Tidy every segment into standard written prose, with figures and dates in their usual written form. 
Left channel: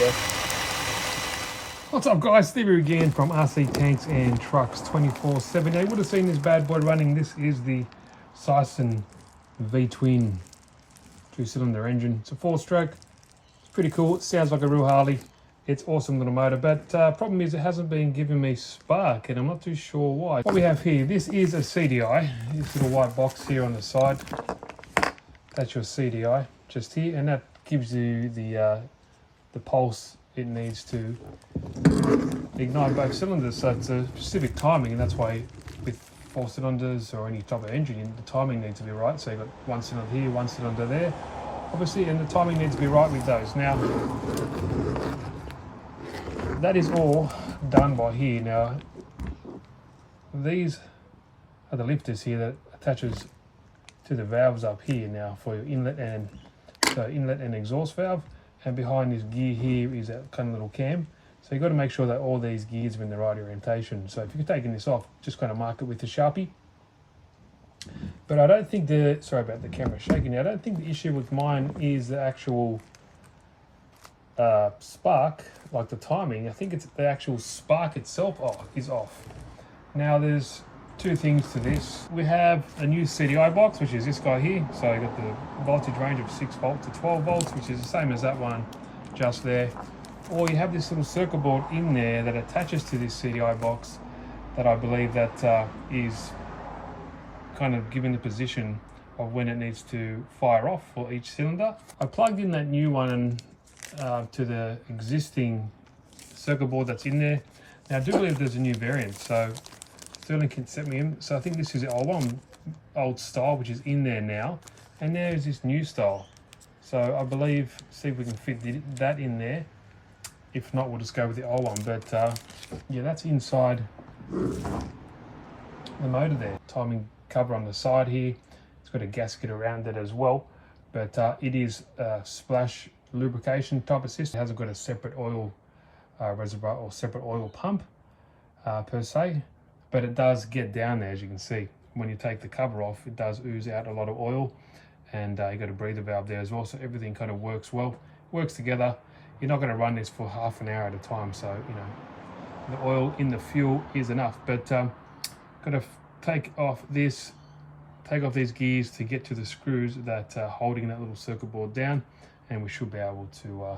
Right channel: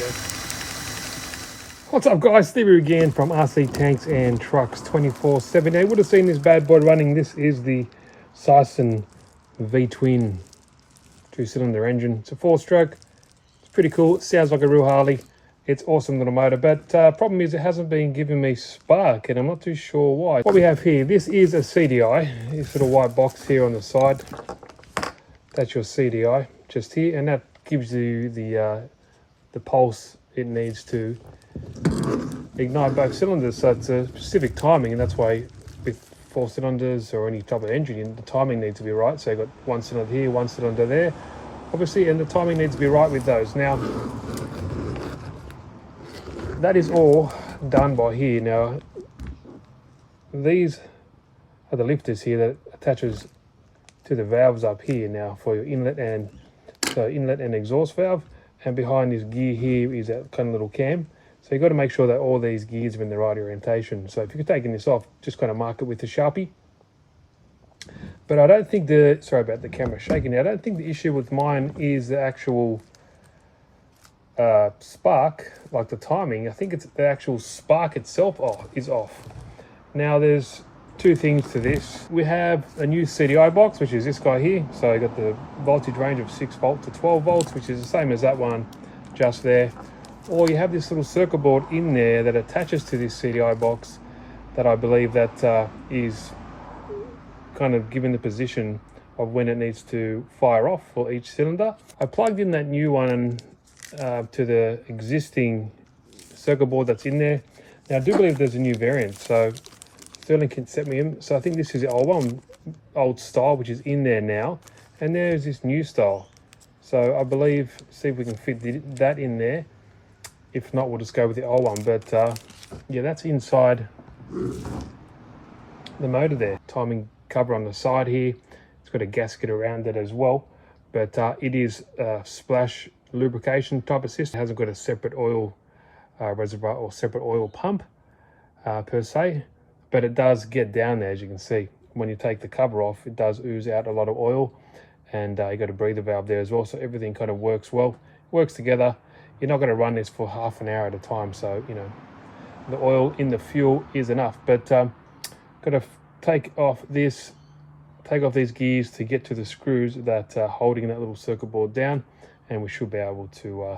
go. What's up guys, Steve here again from RC Tanks and Trucks 24/7. Now you would have seen this bad boy running. This is the Sison V-twin 2-cylinder engine. It's a 4-stroke. It's pretty cool. It sounds like a real Harley. It's awesome little motor, but problem is it hasn't been giving me spark and I'm not too sure why. What we have here, this is a CDI. This little white box here on the side. That's your CDI just here, and that gives you the pulse it needs to ignite both cylinders. So it's a specific timing, and that's why with 4 cylinders or any type of engine, the timing needs to be right. So you've got 1 cylinder here, 1 cylinder there, obviously, and the timing needs to be right with those. Now, that is all done by here. Now, these are the lifters here that attaches to the valves up here now for your inlet and exhaust valve. And behind this gear here is that kind of little cam. So you've got to make sure that all these gears are in the right orientation. So if you're taking this off, just kind of mark it with the Sharpie. But I don't think sorry about the camera shaking now. I don't think the issue with mine is the actual spark, like the timing. I think it's the actual spark itself is off. Now there's 2 things to this. We have a new CDI box, which is this guy here. So I got the voltage range of 6 volt to 12 volts, which is the same as that one just there. Or you have this little circuit board in there that attaches to this CDI box that I believe that is kind of given the position of when it needs to fire off for each cylinder. I plugged in that new one to the existing circuit board that's in there. Now I do believe there's a new variant, so Sterling can set me in. So I think this is the old one, old style, which is in there now, and there's this new style. So I believe, see if we can fit that in there. If not, we'll just go with the old one. But yeah, that's inside the motor there. Timing cover on the side here. It's got a gasket around it as well. But it is a splash lubrication type of system. It hasn't got a separate oil reservoir or separate oil pump per se. But it does get down there, as you can see. When you take the cover off, it does ooze out a lot of oil, and you got a breather valve there as well. So everything kind of works well, works together. You're not going to run this for half an hour at a time, so you know the oil in the fuel is enough. But got to take off these gears to get to the screws that are holding that little circuit board down, and we should be able to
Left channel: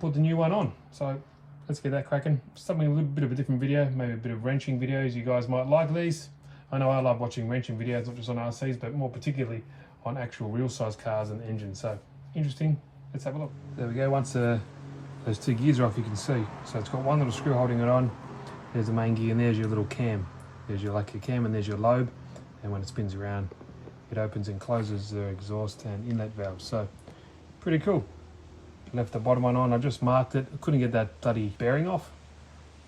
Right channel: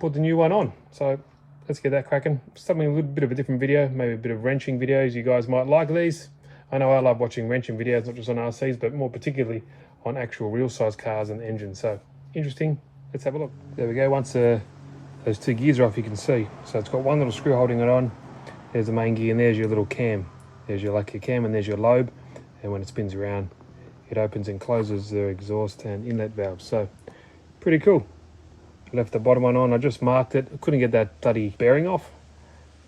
put the new one on. So let's get that cracking. Something a little bit of a different video, maybe a bit of wrenching videos. You guys might like these. I know I love watching wrenching videos, not just on RCs, but more particularly on actual real size cars and engines. So interesting. Let's have a look. There we go. Once those 2 gears are off, you can see. So it's got one little screw holding it on. There's the main gear, and there's your little cam. There's your cam, and there's your lobe. And when it spins around, it opens and closes the exhaust and inlet valves. So pretty cool. Left the bottom one on. I just marked it. I couldn't get that bloody bearing off.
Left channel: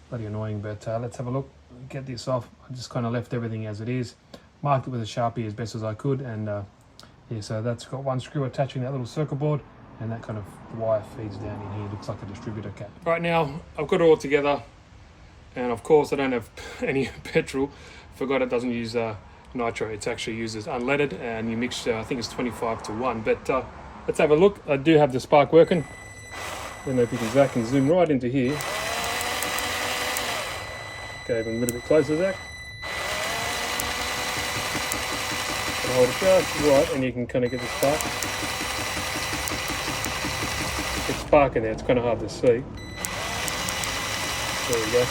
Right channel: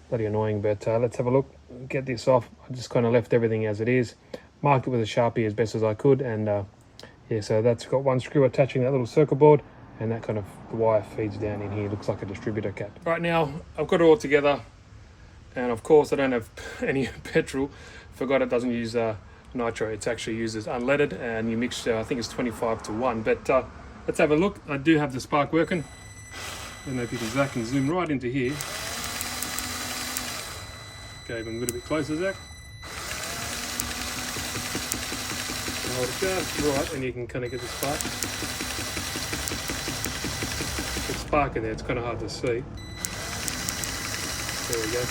Bloody annoying, but let's have a look. Get this off. I just kind of left everything as it is. Marked it with a Sharpie as best as I could, and yeah, so that's got one screw attaching that little circuit board, and that kind of the wire feeds down in here. Looks like a distributor cap. Right now, I've got it all together, and of course I don't have any petrol. Forgot it doesn't use nitro. It's actually uses unleaded, and you mix, I think it's 25:1. But let's have a look. I do have the spark working. I don't know if you can Zach and zoom right into here. Go even a little bit closer, Zach. Hold just right, and you can kind of get the spark. It's sparking there. It's kind of hard to see. There we go.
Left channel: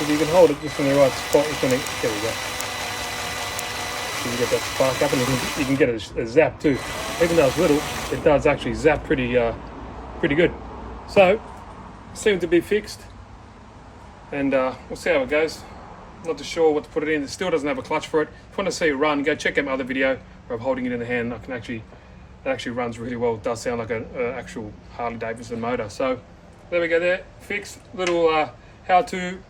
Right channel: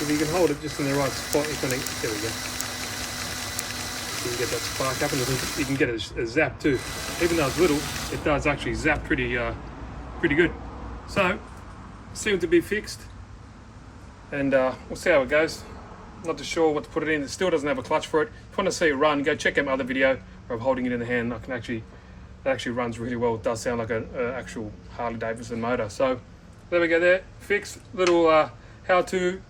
If you can hold it just in the right spot, it's going to. There we go. You get that spark up, and you can get a zap too. Even though it's little, it does actually zap pretty good. So, seemed to be fixed, and we'll see how it goes. Not too sure what to put it in. It still doesn't have a clutch for it. If you want to see it run, go check out my other video of holding it in the hand. It actually runs really well. It does sound like an actual Harley-Davidson motor. So there we go there, fixed. Little how-to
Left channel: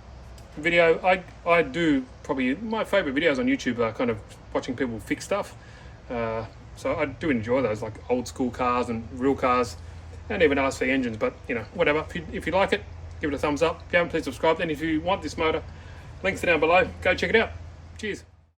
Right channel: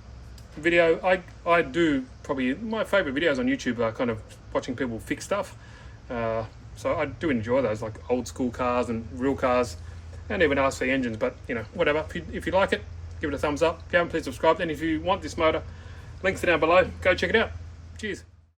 video. I do probably, my favorite videos on YouTube are kind of watching people fix stuff. So I do enjoy those, like old school cars and real cars, and even RC engines. But you know, whatever. If you like it, give it a thumbs up. If you haven't, please subscribe. And if you want this motor, links are down below. Go check it out. Cheers.